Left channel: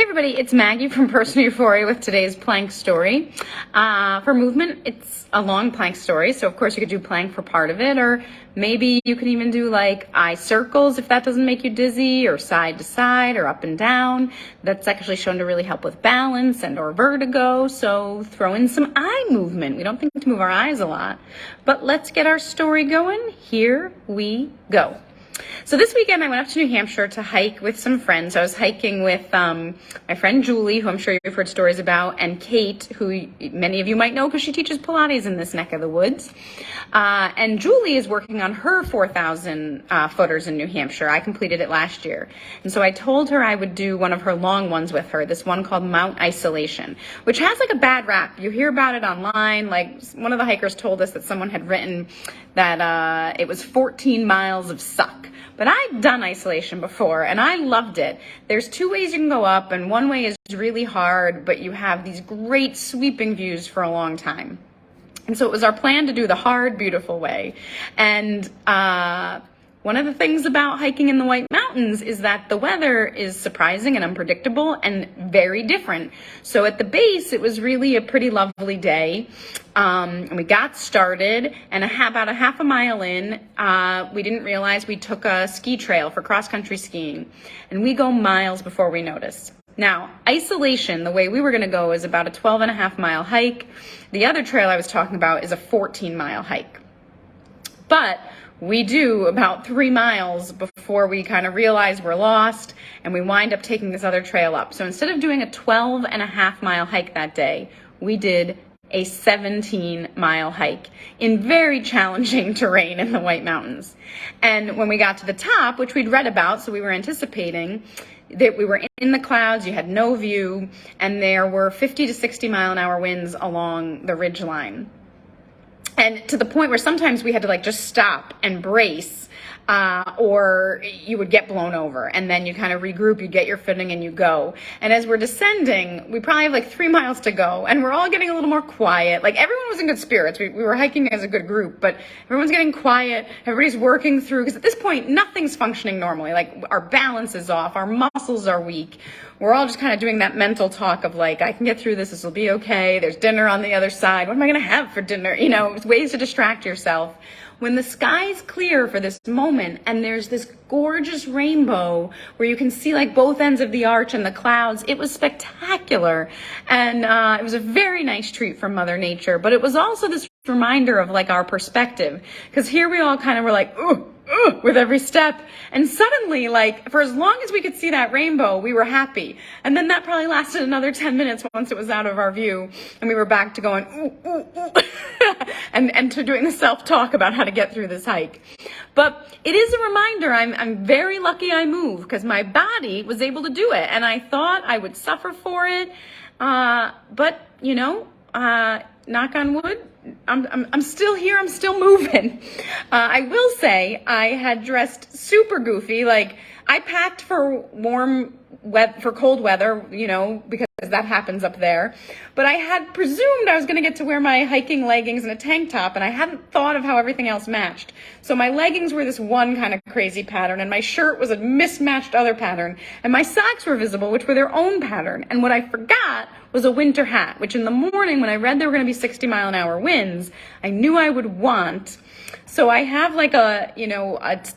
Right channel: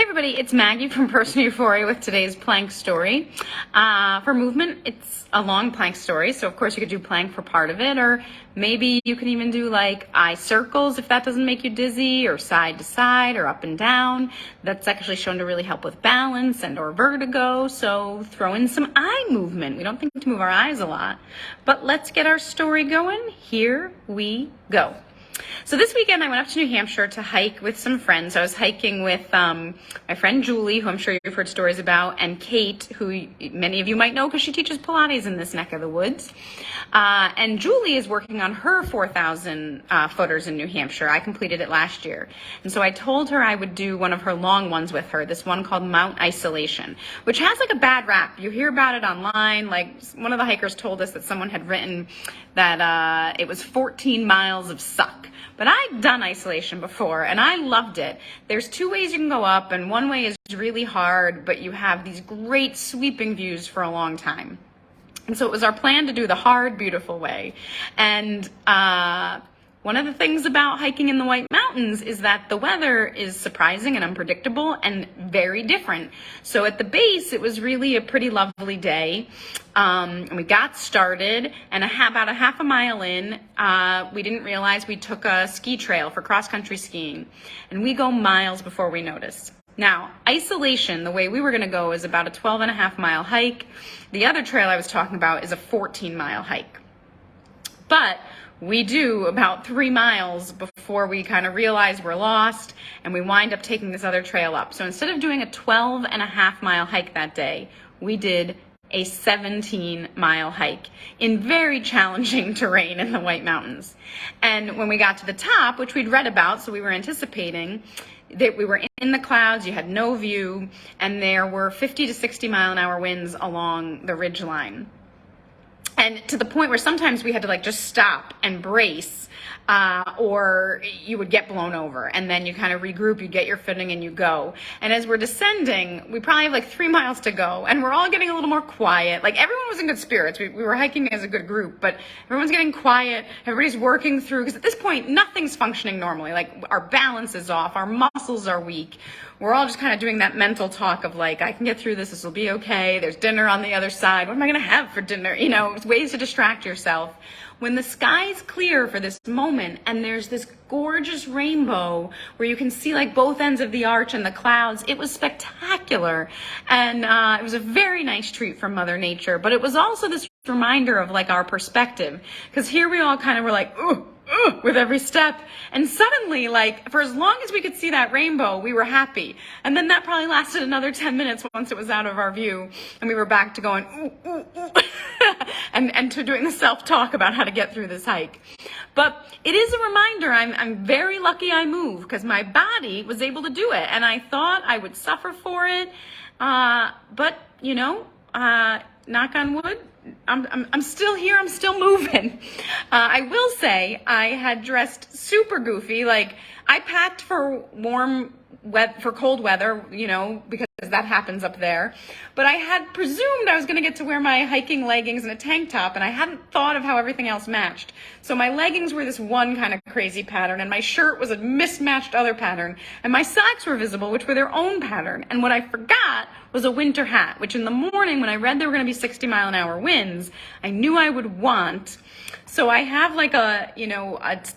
Hey everybody, it's Maggie from Personal Euphoria with today's plank story. For movement, it's a long plank story, so of course you could do plank for part of it, or maybe you can even do like eye circles if that doesn't make you dizzy, or side to side, or up and down. That's actually shown to really help with balance and or vertigo, so throw in some eye movement. We don't think to move our eyes a lot, but let's get our story going. Here we go. So this weekend I went up to New Hampshire to hike with some friends. I was hiking with my friend Julie, who I'm sure you've heard stories about, and Kate, who many of you might know because she teaches Pilates in this neck of the woods. And Julie is working on her 4,000 footers in New Hampshire. I completed it last year. And so I told her I would do one of her long ones with her, this one called Mount Isolation, which has like a bad rap. You hear about it online. Like one of the hikers told us that someone had written that it was 14 miles of suck. But I'd done isolation before and I loved it. There's two ways you can go up, and one way is really hard, but you have these great sweeping views for a long time. And so it was our plan to do the hard, beautiful way. And one of the things about hiking in the White Mountains is that the weather is surprising and unpredictable and very different. So at the base, it was really a pretty lovely day. And we got started, and about a half a mile in, we didn't realize we took a ski trail for cross-country skiing. And we go miles before we notice. Now, isolation, the way we were going to go, is about a 12.5-mile hike. The other trail I was talking about is a 14-mile hike. But we do about 3 miles before we kind of realize we're lost, and we wind up taking this other trail up. So instead of doing a 12.5-mile hike that day, we did a 17-mile hike in very challenging terrain in the White Mountains. And when we got to the top, which we'd read about, so we were anticipating that we were in the clouds, you had no view, and there were 50 to 60 mile an hour winds along the ridge line. And to the point where sometimes we had to like just stop and brace, or you would get blown over, and then you kind of regroup, you get your footing and you go. And as we're descending, we probably have like 3 miles to go, and we're all getting a little more quiet. Like everyone was in good spirits. We were hiking as a good group, but everyone's getting quiet. Everybody's working through, because at this point, nothing's functioning normally. Like our balance is off, our muscles are weak. We're all just kind of doing that mental talk of like, I can get through this will be okay. There's dinner on the other side. What am I going to have for dinner? You know, ways to distract yourself. When the sky's clear for this moment and there's this gorgeous rainbow where you can see like both ends of the arch and the clouds, it was spectacular. And it was a very nice treat from Mother Nature, but it was also this reminder of like our perspective, because here we all kind of were like, ooh, with every step. And suddenly, like, for as long as we could see that rainbow, we were happy. And then that probably lasted another 10 minutes once it was out of our view. And we were back to going, ooh, ooh, ooh. and to doing the self-talk about how to get through this hike. But it is a reminder, I'm very lucky I moved, because my body was able to do it. And I thought I would suffer for it. But, you know, knock on wood, I'm still here. I'm still moving. I will say I had dressed super goofy. Like I packed for cold weather, you know, because that happens up there. But I had presumed I was going to get to wear my hiking leggings and a tank top, and I hadn't thought of how everything else matched. So my leggings were this one kind of crazy pattern, and my shirt was a mismatched other pattern, and my socks were visible, which were their own pattern. And what I forgot was a winter hat, which in the morning when I read there were going to be 60 mile an hour winds, I knew I would want. So I have like a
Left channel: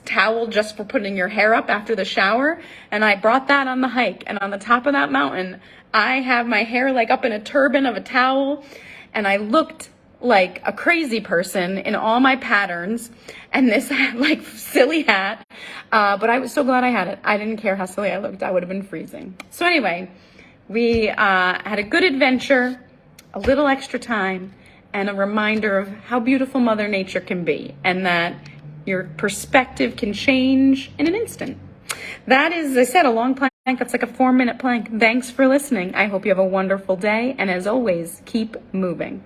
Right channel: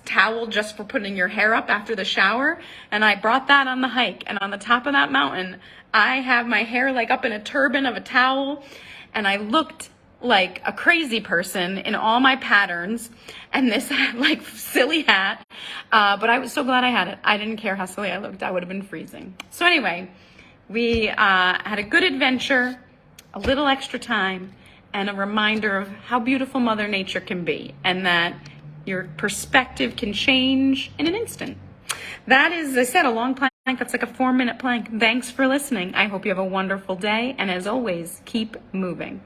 towel just for putting your hair up after the shower, and I brought that on the hike. And on the top of that mountain, I have my hair like up in a turban of a towel, and I looked like a crazy person in all my patterns and this like silly hat. But I was so glad I had it. I didn't care how silly I looked. I would have been freezing. So anyway, we had a good adventure, a little extra time, and a reminder of how beautiful Mother Nature can be, and that your perspective can change in an instant. That is, as I said, a long plank. That's like a 4-minute plank. Thanks for listening. I hope you have a wonderful day, and as always, keep moving.